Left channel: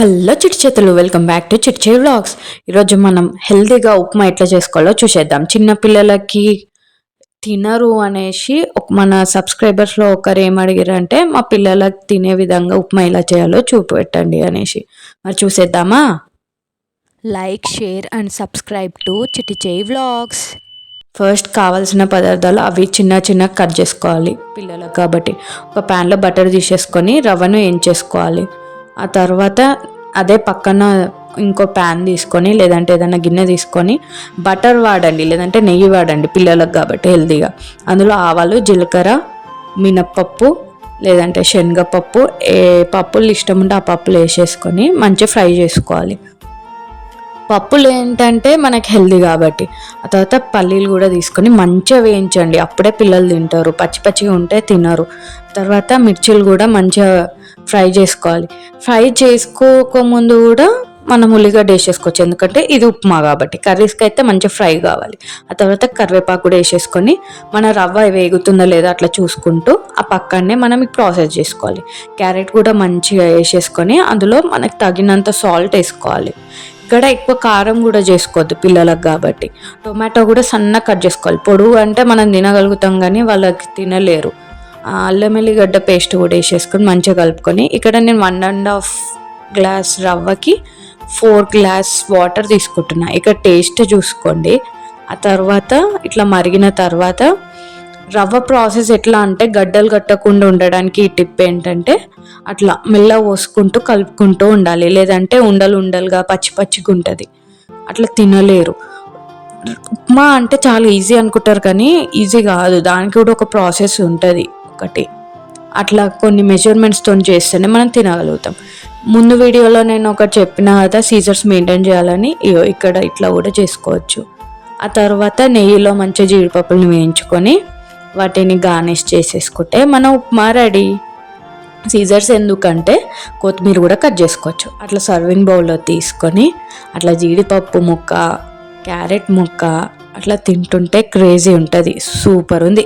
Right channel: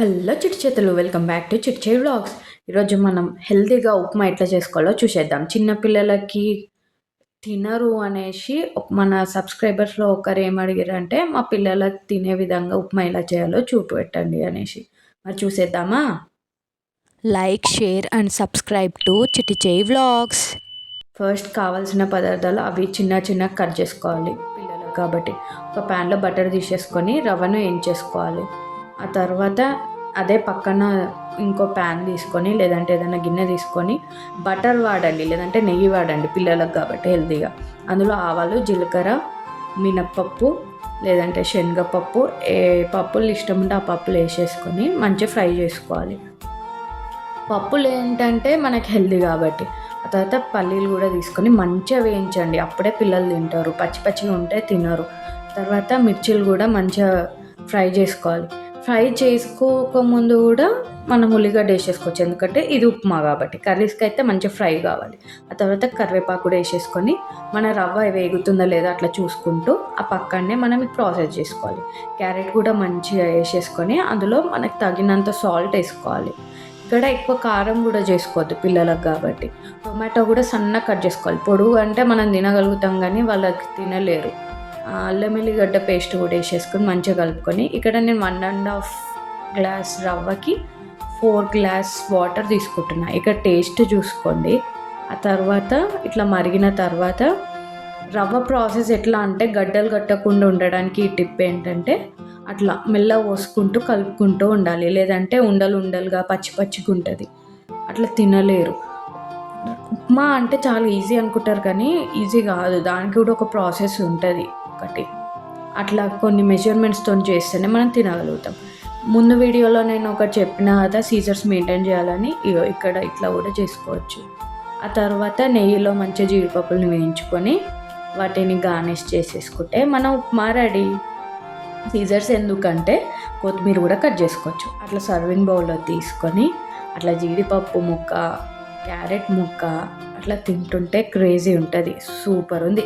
Hello Chitti Chetulu welcome back to చిట్చే vlogs. ఈరోజు మనం హెల్తీగా ఉప్మా ఎట్లా చేసుకోవాలో చూసేద్దాం. చిన్న పిల్లలకి తినరు అనేసి ఒక- మన సబ్స్క్రైబర్స్లో ఒకరు ఏం మా పిల్లలకి తినే విధంగా ఉప్మా ఎలా చేయాలో చూపెట్టండి అనేసి. మరి చూసేద్దామా? Like share and subscribe to Chitti Cheyi vlogs. First కావాల్సిన పదార్థాలు అవి చిన్న చిన్న కట్ చేసుకోవాలి పిల్లలకు కాబట్టి. ఒక ప్యాన్లో బటర్ తీసేసుకొని రవ్వను వేయించేసుకోవాలి ఆ తర్వాత అదే పక్కన ఇంకో ప్యాన్ తీసుకొని లేదంటే ఏదైనా గిన్నె తీసుకొని బటర్ వాడండి లేదంటే నెయ్యి వాడండి పిల్లలకు కాబట్టి హెల్తీగా అందులో ఆవాలు జీలకర్ర మినప్పప్పు లేదంటే శనగపప్పు ఏ పప్పులు ఇష్టం ఉంటే ఆ పప్పులు వేసేసుకొని మంచిగా ఫ్రై చేసుకోవాలి. పప్పులు ఏంటంటే మనకి హెల్దీ కాబట్టి. ఆ తర్వాత పల్లీలు కూడా తీసుకొని మంచిగా వేయించండి. అప్పుడే పిల్లలు తింటారు పచ్చి పచ్చిగా ఉంటే తినరు. తర్వాత మిర్చీలు కూడా మంచిగా ఫ్రై చేసుకోవాలి. ఫ్రై చేసుకోకముందు కూడా మనం ఉల్లిగడ్డ వేసేసుకోవచ్చు. ఎందుకంటే ఇది ఉప్మా కాబట్టి. కర్రీస్కి అయితే మంచిగా ఫ్రై కావాలి. ఆ తర్వాత కరివేపాకు కూడా వేసేసుకొని మన రవ్వ వేగుతుందో లేదో అట్లా చూసుకుంటూ ఆ పక్కనే మనం ప్రాసెస్ చేసుకోవాలి. క్యారెట్ కూడా మంచిగా వేసేసుకొని అందులో మనకు తగినంత సాల్ట్ వేసుకోవాలి. ఇక్కడ ఎక్కువ కారం కూడా చేసుకోవద్దు పిల్లలకు కాబట్టి. టొమాటో కూడా సన్నగా కట్ చేసుకోవాలి. పొడుగు అంటే మనం తినగలుగుతాం కానీ వాళ్ళకి తినలేరు. అల్లం ఎల్లిగడ్డ పేస్ట్ కూడా వేసేసుకొని మంచిగా కలుపుకొని ఇక్కడ నేను వన్ అండ్ హాఫ్ గ్లాస్ రవ్వకి ఫోర్ గ్లాస్ వాటర్ తీసుకుంటున్నా. ఇక్కడ టేస్ట్ చూసుకోండి. ఆ తర్వాత ఇట్లా మరిగిన తర్వాత రవ్వ ప్రాసెస్ ఎట్లా అంటే గడ్డలు కట్టకుండా ఉండడానికి ఈ టిప్ ఏంటంటే అట్లా మెల్ల పోసుకుంటూ కలుపుకుంటూ ఉండాలి. లేదంటే ఉండలు ఉండలుగా పచ్చి పచ్చిగా ఉంటుంది. అట్లా తినలేరు. ఉప్మా అంటే చాలా ఈజీ అనుకుంటారు కానీ ఈజీ కాదు. దానికి కూడా ఒక ప్రాసెస్ ఉంటుంది. ఒకటి అట్లా కొన్ని మెజర్మెంట్స్తో చేస్తేనే మనం తినగలుగుతాం. ముందు వీడియోలో నేను ఒకటి చెప్పిన కదా సీజర్స్ మెయింటైన్ చేయాలని ఇక్కడ ఇట్లా కూడా చేసుకోవచ్చు. ఆ తర్వాత నెయ్యిలో మంచిగా జీడిపప్పులను వేయించుకొని వాటిని గార్నిష్ చేసేసుకుంటే మన ఉప్మా రెడీ. సీజర్స్ ఎందుకంటే కొత్తిమీర కూడా కట్ చేసుకోవచ్చు. అట్లా సర్వింగ్ బౌల్లో తీసుకొని అట్లా జీడిపప్పు ముక్క క్యారెట్ ముక్క అట్లా తింటుంటే క్రేజీ ఉంటుంది. సూపర్ ఉంది.